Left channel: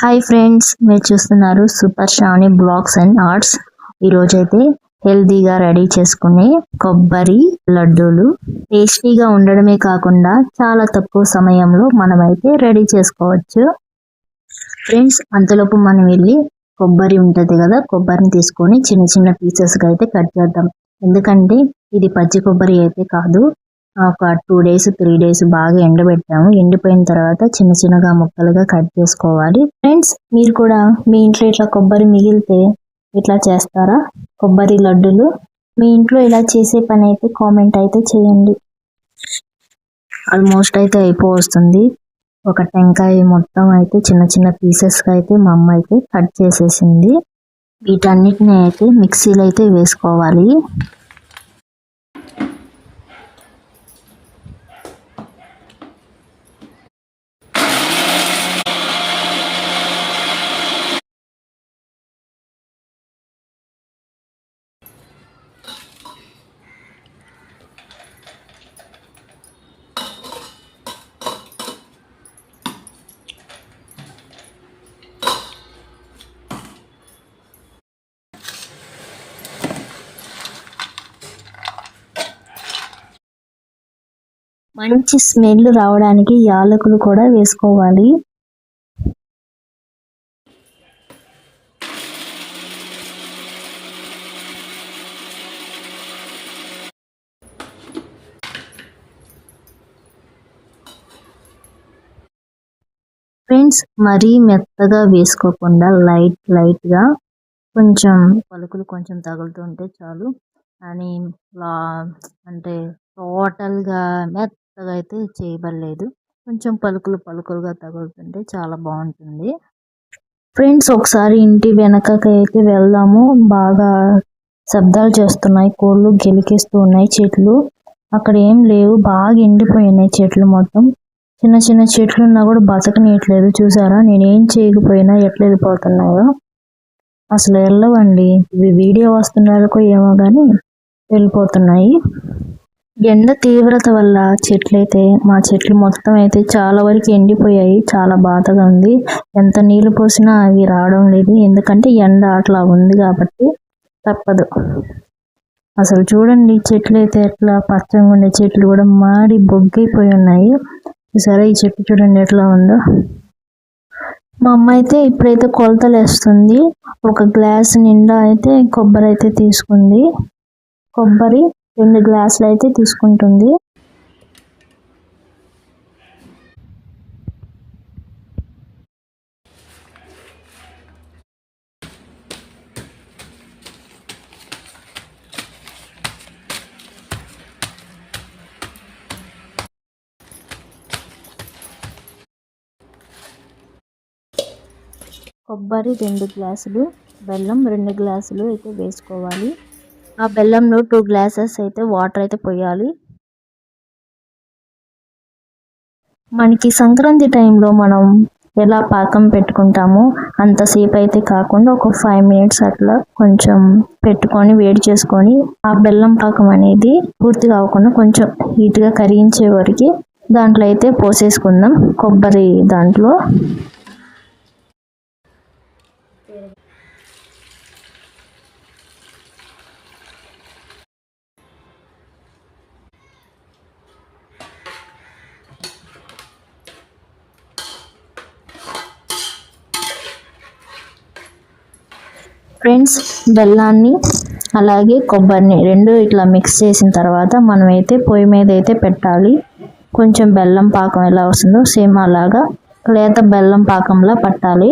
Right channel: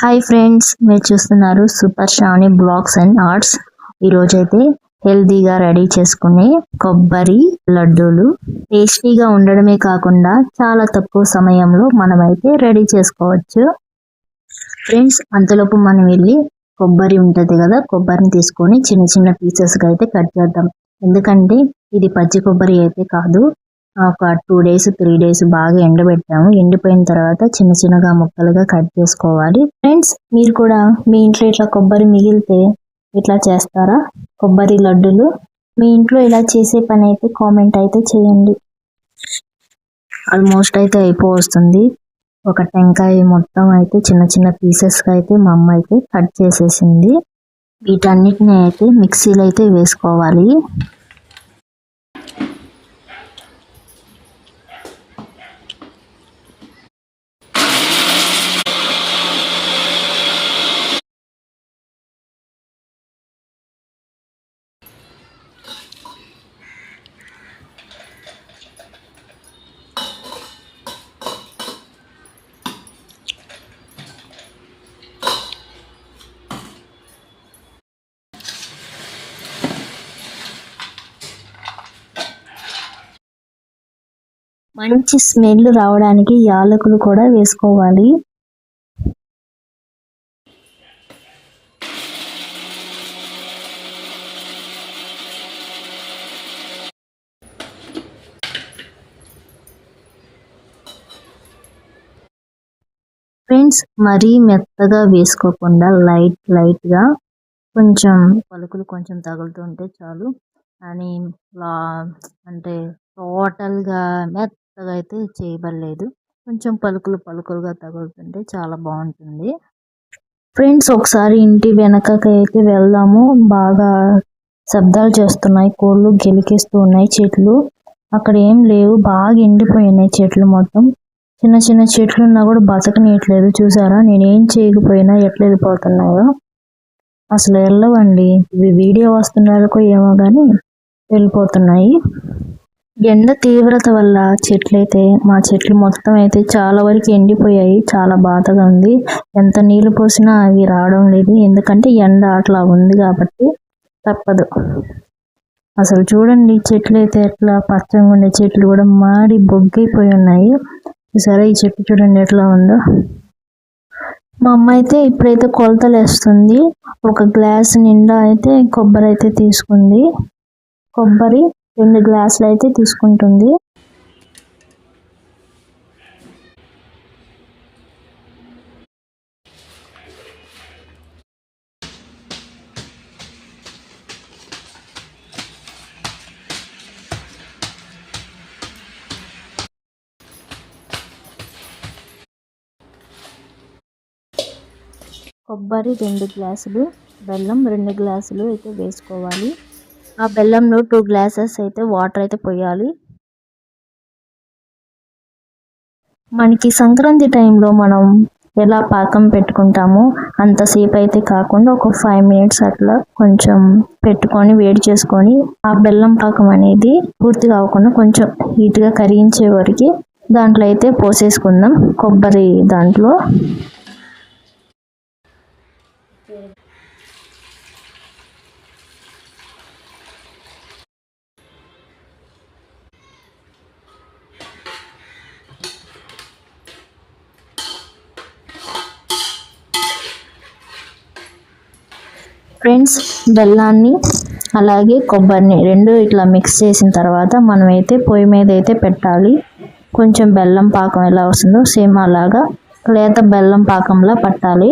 Hi friends, మీరు చూస్తున్నారు super Shravani blogs and arts. ఈరోజైతే హెల్తీగా రెడీ చేసుకునే కొబ్బరి లడ్డూలు టేస్టీగా ఉండడమే కాకుండా చాలా తక్కువ సమయంలో మనమైతే రెడీ చేసుకోవచ్చు. ఫ్రెండ్స్, అంతలోపు మనం వెళ్ళి కొబ్బరి ఉంటుంది కదా, కొబ్బరిని తీసుకొని చిన్న చిన్న పీసెస్గా అయితే కట్ చేద్దాం. ఎందుకంటే ఇది పచ్చి కొబ్బరి అయితే కాదు, ఒక 2 days 3 days బాగా ఎండబెట్టాము. ఎండిపోయిన తర్వాత చిన్న చిన్నగా ముక్కలుగా కట్ చేసుకోవాలి. ఫ్రెండ్స్, మీరు కూడా మీ ఇంట్లో ఇట్లా కొబ్బరి మిగిలితే ఇట్లా చేస్తారా కొబ్బరి లడ్డూలు? మీ ఇంట్లో ఇలా చేసే పని అయితే కామెంట్ అయితే చేయండి. ఆల్మోస్ట్ అయితే అయిపోతుంది. ఒక టెంకాయ మొత్తం అయితే చిన్న చిన్న పీసెస్గా అయితే మా అమ్మ అయితే కట్ చేసేసింది. వీటన్నిటిని అయితే మిక్సీలో అయితే వేసుకోవాలి. మంచి స్మెల్ రావడానికి యాలకులు కూడా వేసుకోవాలి. ఫ్రెండ్స్, మరీ మెత్తగా వేసుకోకుండా లైట్గా కొంచెం పలుకులు కొంచెం తగులుతుంటే చాలు. అని అంటే టోటల్గా మెత్తగా అయితే చేయబడలేదు, కొంచెం పలుకులుగా తగులుతుంటే చాలా బాగుంటుంది. ఫ్రెండ్స్, ఒకసారి ఇంటి వెనకకి అయితే వెళ్దాము. బాగా శబ్దాలు చేస్తున్నాయి, కోళ్ళు గెలికేస్తూ ఉన్నాయి. చెట్లు అక్కడ ఏం లేవు, బాగా ఎండిపోయినాయి చెట్లు మొత్తం. చిన్న చిన్న చెట్లు ఉన్నా కూడా బతకనీయట్లేదు. చూసారా, నేనేం చేయకపోయినా ఎట్లా వెళ్ళిపోతున్నాయో. అసలు వెళ్ళవండి, ఇవి వీడియో వస్తున్నారో ఏమో కానీ వెళ్ళిపోతున్నాయి. ఎండ తీవ్రత వల్ల మా చెట్లు మొత్తం అయితే చాలా వరకు ఎండిపోయాయి. చాలా బాధగా ఉంది. ఎంత నీళ్లు పోసినా అవి రావడం లేదు, ఎందుకంటే ఎండ అట్లా ఉంది కాబట్టి తప్పదు. అసలు చూడండి, చెట్లు అయితే ఎట్లా పచ్చగా ఉండే చెట్లు కూడా మాడి బొగ్గైపోయి ఉన్నాయి. సరే, ఈ చెట్టు చూడండి ఎట్లా ఉందో. మా అమ్మ అయితే ఇప్పుడైతే కొలతలు వేస్తుంది. ఒక గ్లాస్ నిండా అయితే కొబ్బరి అయితే తీసుకుంది. కొబ్బరి 2 గ్లాసులు అయితే తీసుకుంటుంది. కొబ్బరి 2 గ్లాసులు, బెల్లం 2 గ్లాసులు అయితే వేసుకోవాలి. ఆ బెల్లంలో 2 glasses అయితే వాటర్ అయితే పోయాలి. మనకి సంక్రాంతి టైంలో మనం ఎలా పాకం పెట్టుకుంటామో అంతసేపు అయితే కాకుండా ఒక 5 minutes అట్లా కొంచెం పెట్టుకొని వేడి చేసుకొని ఆ బెల్లం పాకం అనేది పూర్తిగా అవ్వకుండా కొంచెం హీట్గా కరిగించే వరకు దాంట్లో అయితే పోసేసుకుందాం. కొబ్బరి దాంట్లో ఫ్రెండ్స్, బెల్లాన్ని అలాగే కొబ్బరిని 2 ఇట్లా మిక్స్ చేసిన తర్వాత మనమైతే పొయ్యి మీద అయితే పెట్టాలి. కొంచెం బెల్లం పాకం ఎలా వస్తుందో సేమ్ అలాగా లేత బెల్లం పాకంలా పట్టాలి.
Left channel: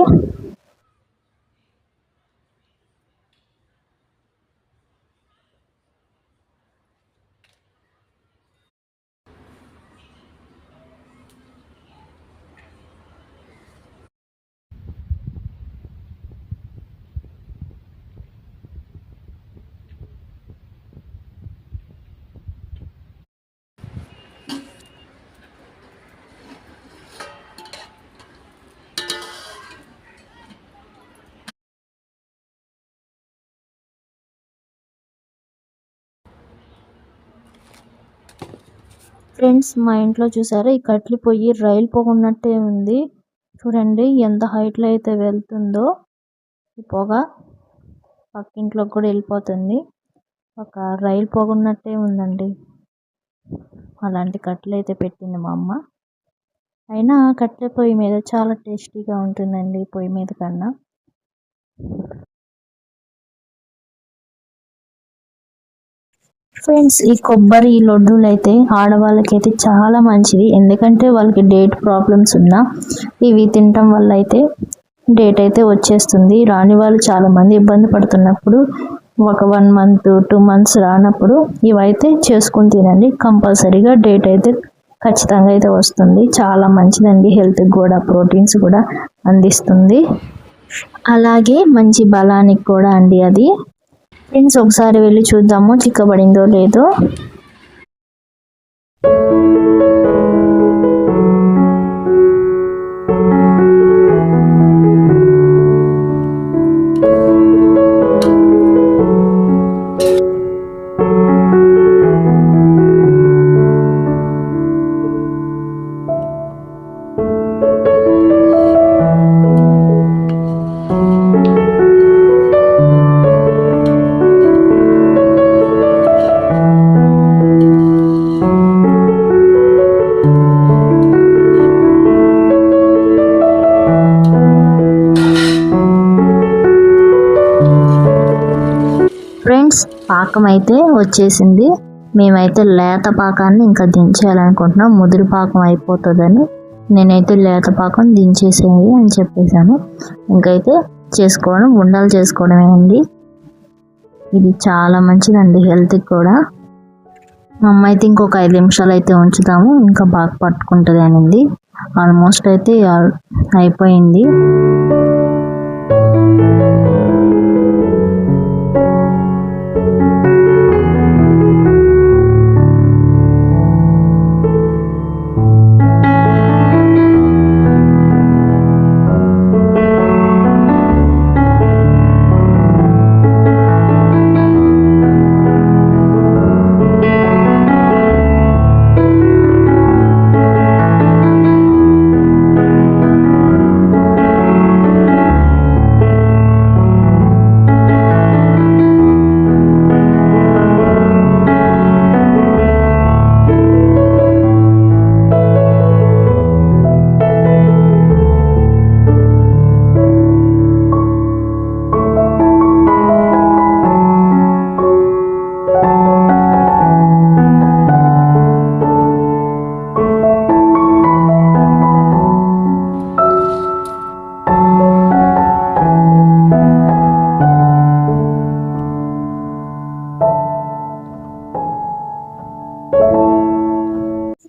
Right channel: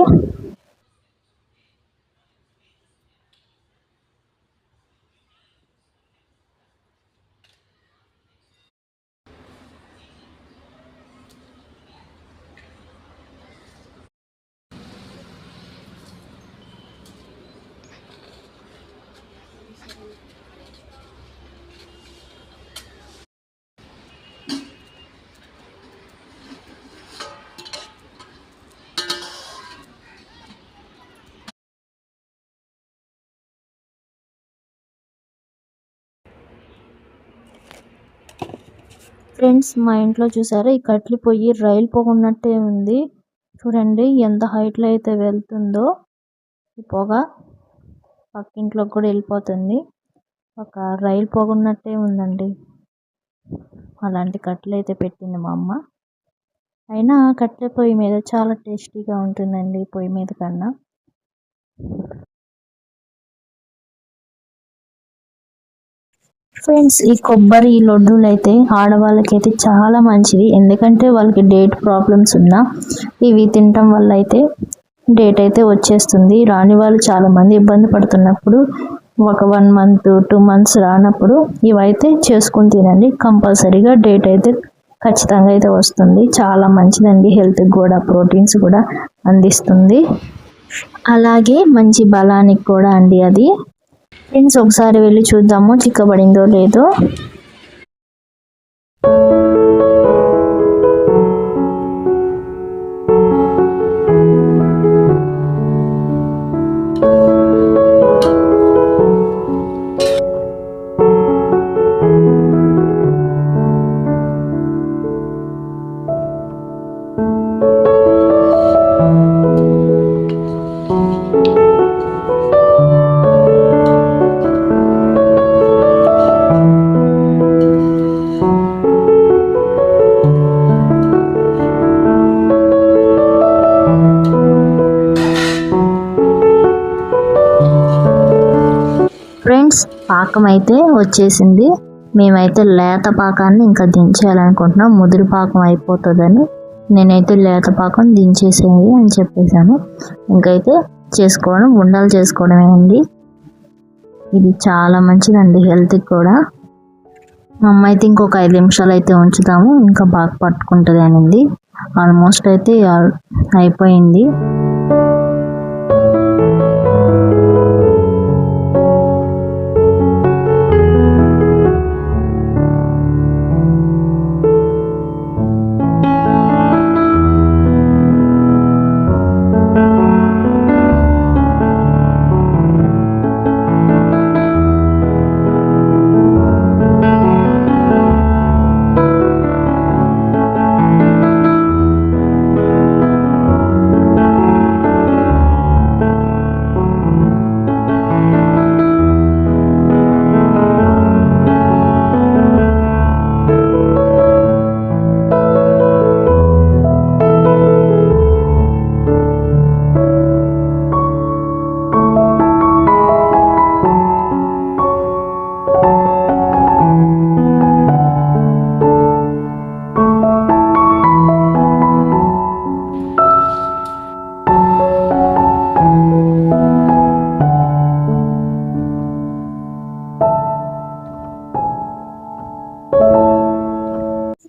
ఫ్రెండ్స్, మా ఇంట్లో చూసారా, ఈ కట్లు పొయ్యి రైలు పోకున్నట్టే ఉంది. చూడండి ఎంత హైట్లో అయితే వెళ్తుందో ఈ పొగ పక్కింట్లోకి కూడా వెళ్ళిపోతుంది. ఒక రైలు పొగ ఉన్నట్టే ఉందండి. అలాంటి కట్టెలు అయితే పెట్టింది మా అమ్మ. అయినా కట్టెల పొయ్యి మీద చాలా టేస్టీగా ఉంటుందండి పొయ్యి మీద కన్నా. ఫ్రెండ్స్, ఈ కొబ్బరి లడ్డూలు అయితే ఆడవాళ్ళకైతే చాలా మంచిది. ఎందుకంటే వాళ్ళకి డేట్ ప్రాబ్లమ్స్ ఉన్నా ఇవి తినటం వల్ల అయితే డేట్ అయితే వచ్చేస్తుంది. రాని వాళ్ళు చాలా మంది ఇబ్బంది పడుతున్నప్పుడు ఒక 1 month 2 months రానప్పుడు ఇవైతే చేసుకుని తినండి. కంపల్సరీగా డేట్ అయితే ఖచ్చితంగా అయితే వస్తుంది. చాలా మంచిదండి, హెల్త్కి కూడా ప్రోటీన్స్ కూడా అందిస్తుంది. అలాగే మంచి బలానికి కూడా అండి అది. ఫ్రెండ్స్, ఒకసారి వెళ్ళి చూద్దాము చిక్కబడిందో లేదో. ఫ్రెండ్స్, పాకం అయితే వచ్చేసింది. మేమైతే లేత పాకాన్ని ఇంకా దించేయాలనుకుంటున్నాం. ముదురు పాకం అయిపోతుందని నేనైతే లేత పాకం దించేసేయండి అని చెప్పేశాను. ఇంకైతే చేసుకోవడం ఉండలు చేసుకోవడమే అండి. ఇది చాలా మంచిదండి హెల్త్కి కూడా. మా అమ్మ అయితే ఇంకొక 5 నిమిషాలు అయితే ఉంచుతాము, ఇంకా బాగా పట్టుకుంటుంది అనింది. ఆల్మోస్ట్ అయితే అయిపోయింది.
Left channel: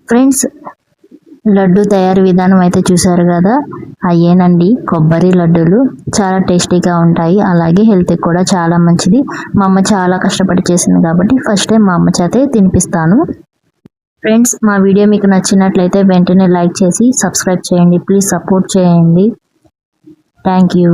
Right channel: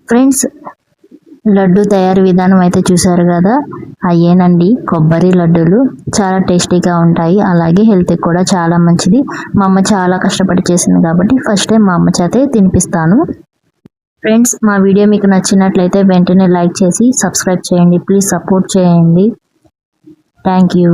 ఫ్రెండ్స్, లడ్డు తయారీ విధానం అయితే చూసారు కదా, అయ్యేనండి కొబ్బరి లడ్డూలు. చాలా టేస్టీగా ఉంటాయి, అలాగే హెల్త్కి కూడా చాలా మంచిది. మా అమ్మ చాలా కష్టపడి చేసింది కాబట్టి ఫస్ట్ టైం మా అమ్మ చేతే తినిపిస్తాను. ఫ్రెండ్స్, మా వీడియో మీకు నచ్చినట్లయితే వెంటనే లైక్ చేసి సబ్స్క్రైబ్ చేయండి. ప్లీజ్ సపోర్ట్ చేయండి. Thank you.